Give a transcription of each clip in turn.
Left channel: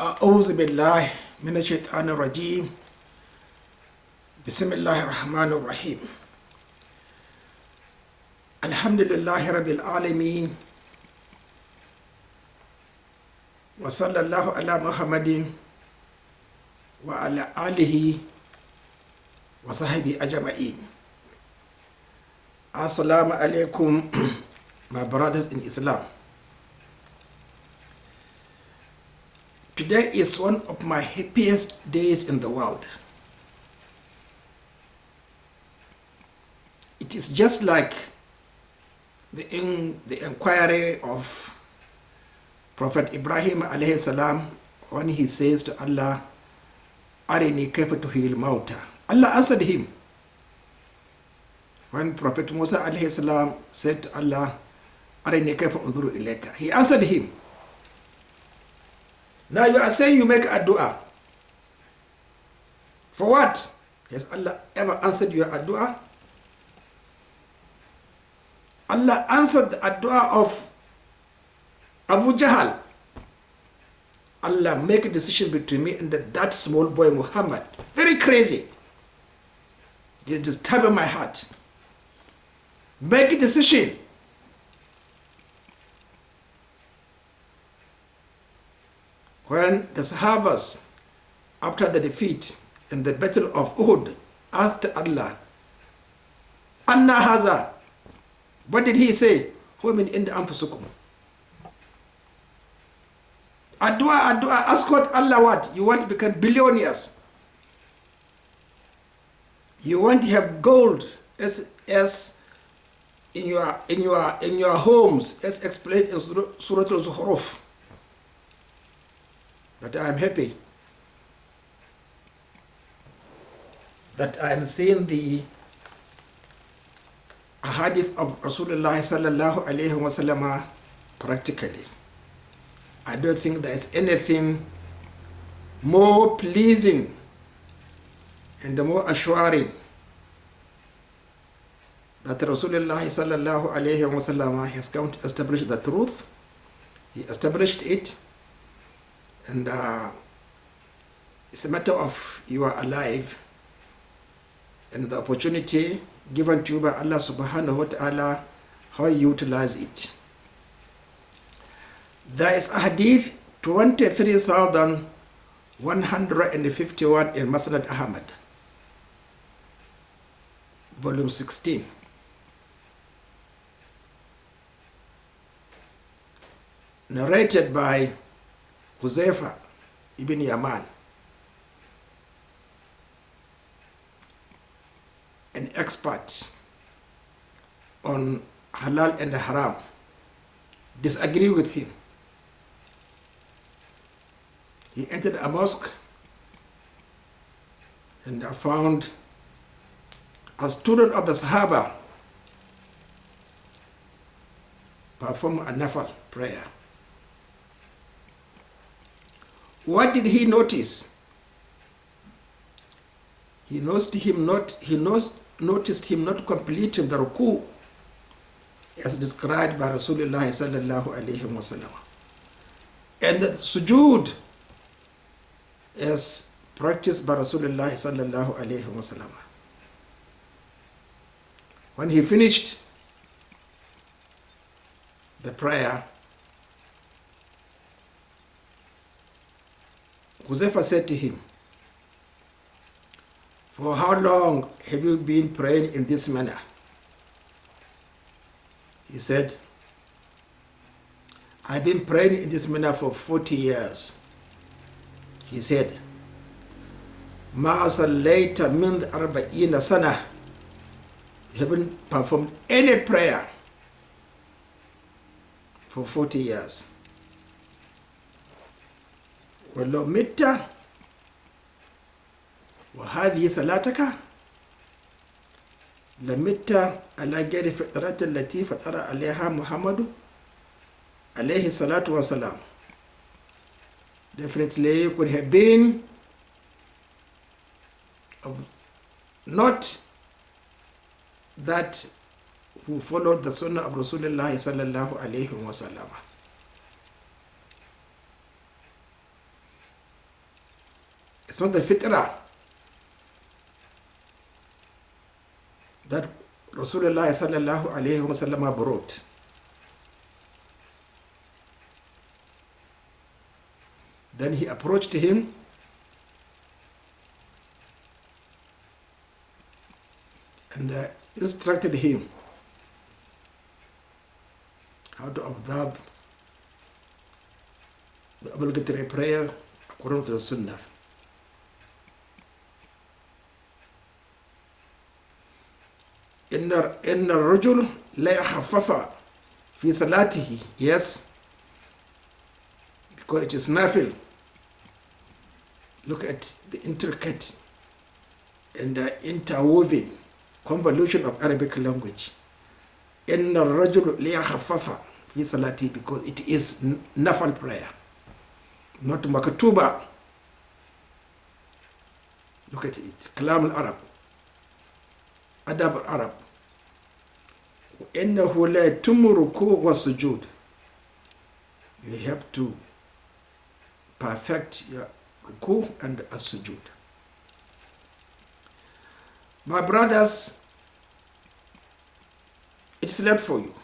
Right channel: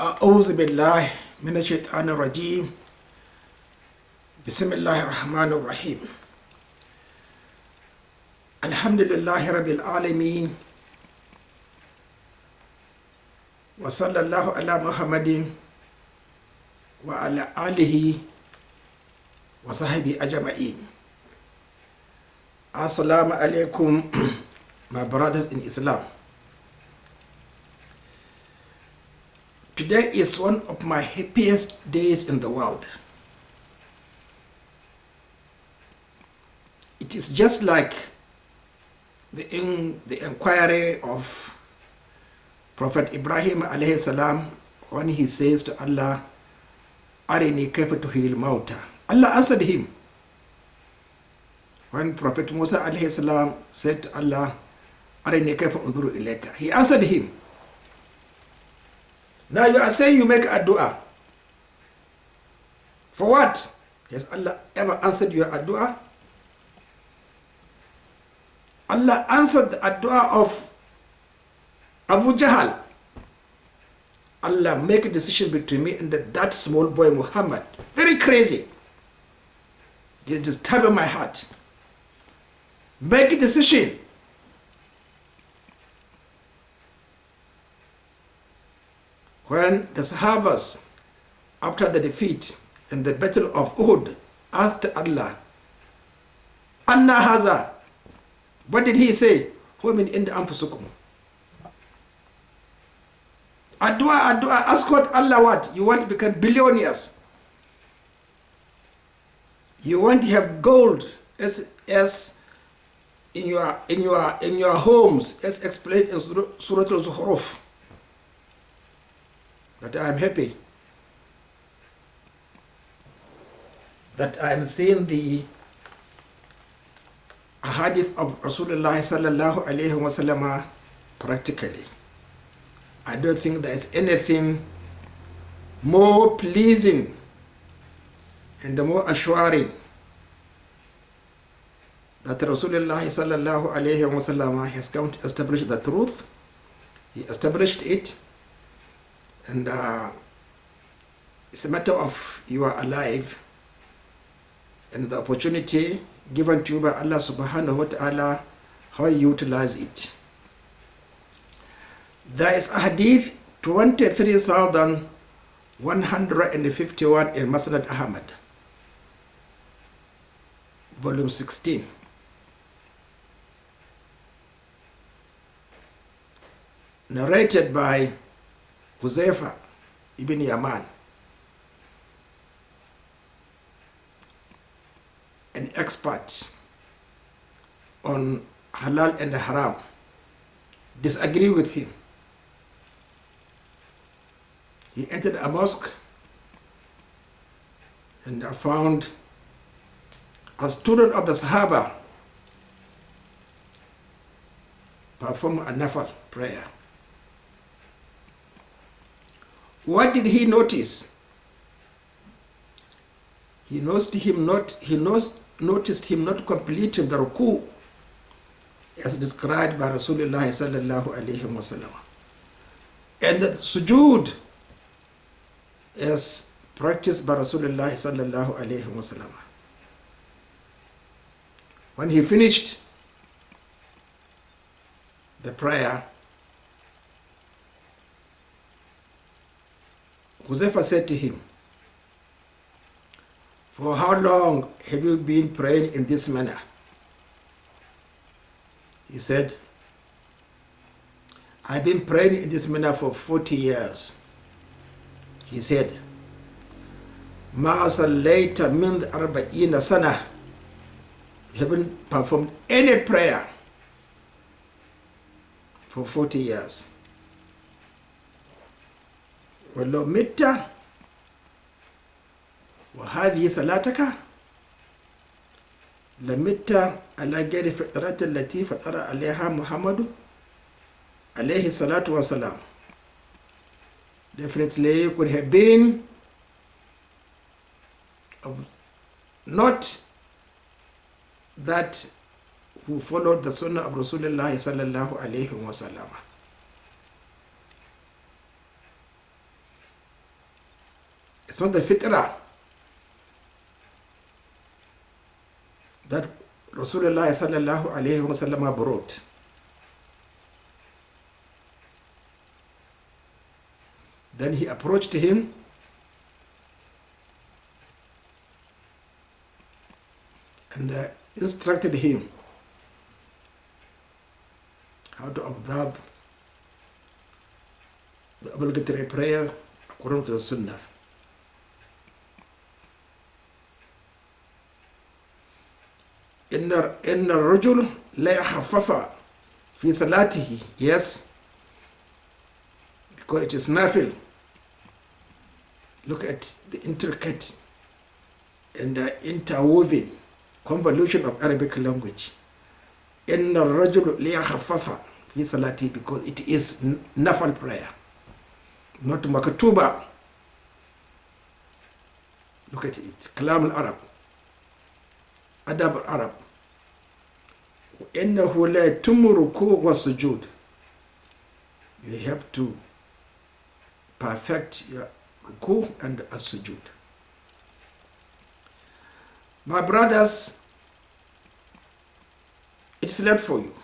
أعوذ بالله من الشيطان الرجيم بسم الله الرحمن الرحيم الحمد لله رب العالمين وصلى الله على محمد وعلى آله وصحبه أجمعين. Assalamu alaikum, my brothers in Islam. Today is one of my happiest days in the world. It is just like the inquiry of Prophet Ibrahim alayhi salam when he says to Allah, Arini kayfa tuhil mauta. Allah answered him. When Prophet Musa alayhi salam said to Allah, Arini kayfa unzuru ilayka, he answered him. Now you are saying you make a dua. For what? Has Allah ever answered your dua? Allah answered the dua of Abu Jahl. Allah make a decision between me and that small boy Muhammad. Very crazy. It's disturbing my heart. Make a decision. When the Sahabas, after the defeat in the battle of Uhud, asked Allah, Anna haza, what did he say? Huwa min indi anfusikum. Adua, ask what Allah what? You want to become billionaires. You want to have gold as in your homes, as explained in Surah Al-Zukhruf. But I am happy that I am seeing the ahadith of Rasulullah sallallahu alayhi wa sallam practically. I don't think there is anything more pleasing and more assuring that Rasulullah sallallahu alayhi wa sallam has come to establish the truth. He established it. And it's a matter of you are alive and the opportunity given to you by Allah subhanahu wa ta'ala, how you utilize it. There is a hadith 23,151 in Musnad Ahmad, volume 16. Narrated by Huzaifa ibn Yaman, an expert on halal and haram, disagree with him. He entered a mosque and found a student of the Sahaba perform a nafal prayer. What did he notice? He noticed him not completing the ruku as described by Rasulullah sallallahu alayhi wa sallam, and the sujood as practiced by Rasulullah sallallahu alayhi wa sallam. When he finished the prayer, Huzaifa said to him, for how long have you been praying in this manner? He said, I've been praying in this manner for 40 years. He said, Ma sallayta min arba'ina sana. You haven't performed any prayer for 40 years. ولو مت وهذه صلاتك لمت على غير فطرة التي فطر عليها محمد عليه الصلاة والسلام. Definitely you could have been not that who followed the Sunnah of Rasulullah sallallahu alayhi wa sallam. It's not the fitrah that Rasulullah sallallahu alayhi wa sallam brought. Then he approached him and instructed him how to observe the obligatory prayer according to the Sunnah. إن الرجل لا يخفف في صلاته. Yes, because it is nafil. Look at the intricate and interwoven convolution of Arabic language. إن الرجل لا يخفف في صلاته, because it is nafil prayer, not maktuba. Look at it. Kalam al-Arab, Adab al-Arab. وإنه لا يتم ركوع والسجود. You have to perfect your ruku and as-sujud. My brothers, it is left for you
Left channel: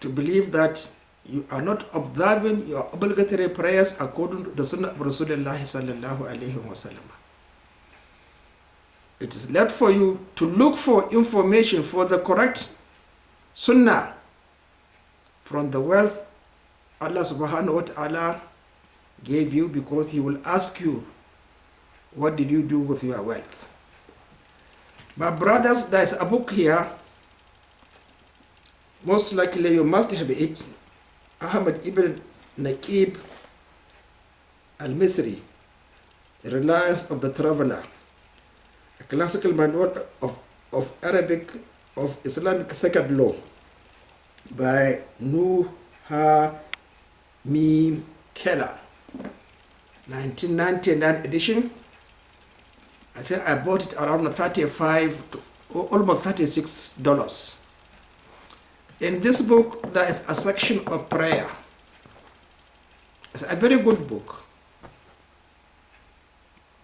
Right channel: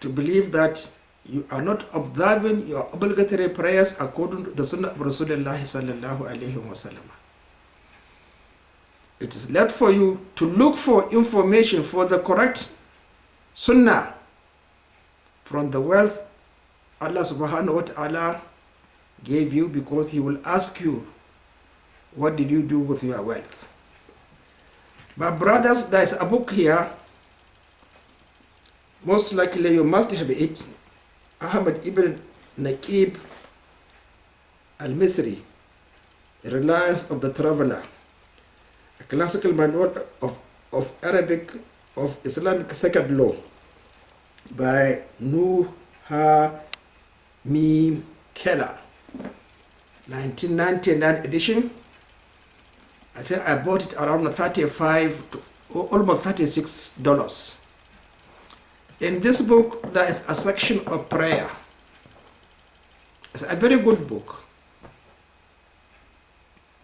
to believe that you are not observing your obligatory prayers according to the Sunnah of Rasulullah sallallahu alayhi wa sallam. It is left for you to look for information for the correct Sunnah from the wealth Allah subhanahu wa ta'ala gave you, because He will ask you, what did you do with your wealth? My brothers, there is a book here. Most likely you must have it. Ahmad ibn Naqib al-Misri, The Reliance of the Traveler, a classical manual of Arabic, of Islamic second law, by Nuha Mim Keller, 1999 edition. I think I bought it around $35 to almost $36. In this book, there is a section of prayer. It's a very good book,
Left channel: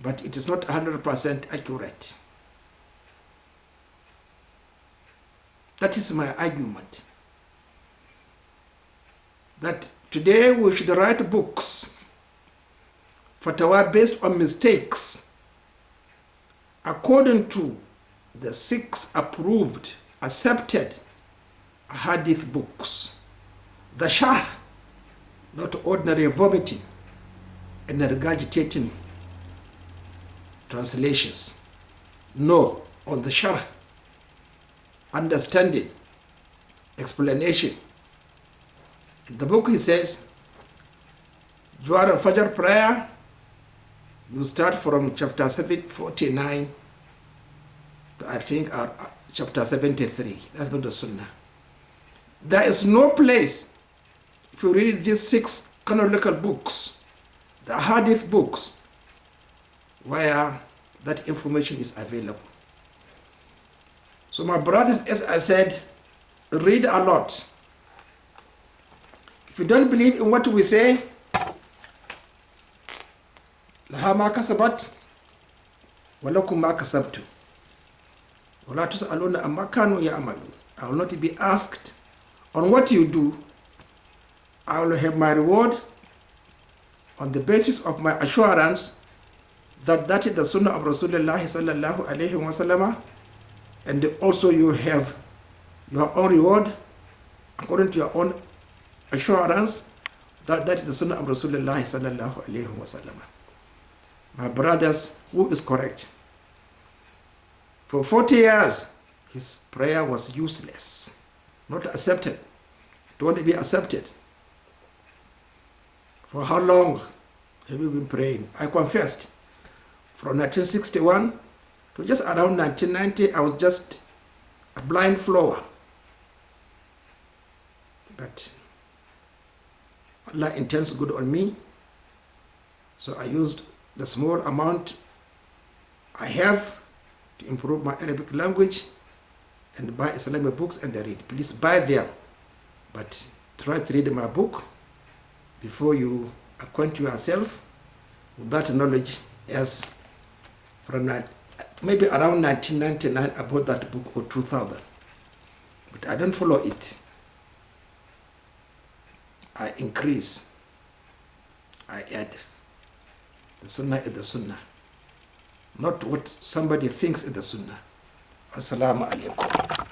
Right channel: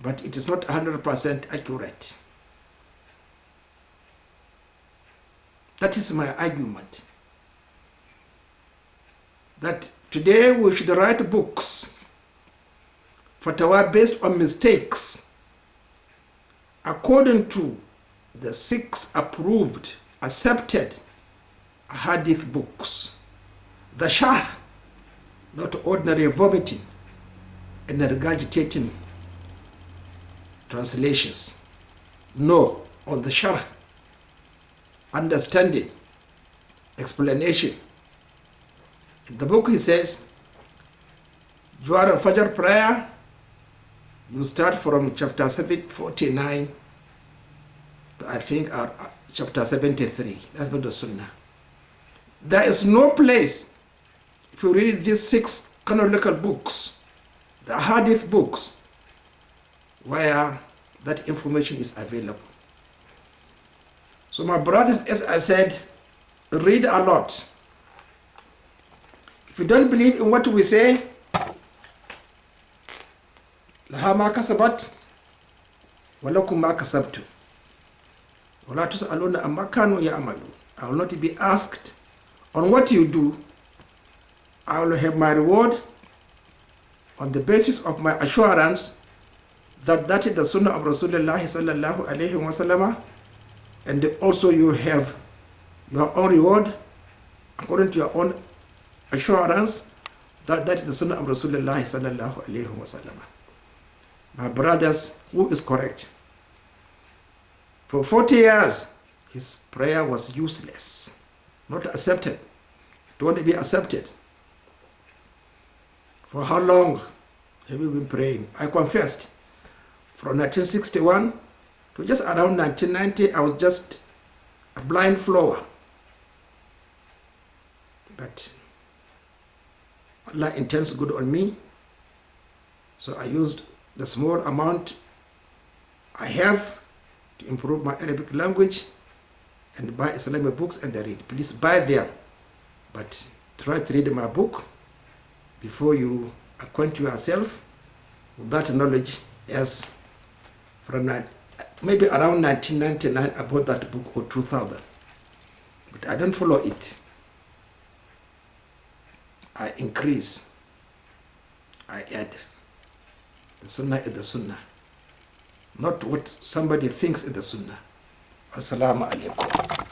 but it is not 100% accurate. That is my argument. That today we should write books, fatwa based on mistakes, according to the 6 approved, accepted hadith books. The sharh, not ordinary vomiting and regurgitating translations. No, on the sharh, understanding, explanation. In the book he says, Jawar Fajr prayer, you start from chapter 749 to I think chapter 73. That's not the Sunnah. There is no place, if you read these 6 canonical books, the hadith books, where that information is available. So my brothers, as I said, read a lot. If you don't believe in what we say, لها ما كسبت ولكم ما كسبتم ولا تسألون عما كانوا يعملون. I will not be asked on what you do. I will have my reward on the basis of my assurance that that is the Sunnah of Rasulullah sallallahu alayhi wa sallam, and also you have your own reward according to your own assurance that that is the Sunnah of Rasulullah sallallahu alayhi wa sallam. My brothers, who is correct? For 40 years, his prayer was useless, not accepted. It won't be accepted. For how long have you been praying? I confessed, from 1961 to just around 1990, I was just a blind follower. But Allah intends good on me, so I used the small amount I have to improve my Arabic language and buy Islamic books and read. Please buy them, but try to read my book before you acquaint yourself with that knowledge as from maybe around 1999 about that book, or 2000. But I don't follow it. I increase. I add. The Sunnah is the Sunnah. Not what somebody thinks is the Sunnah. Assalamu alaikum.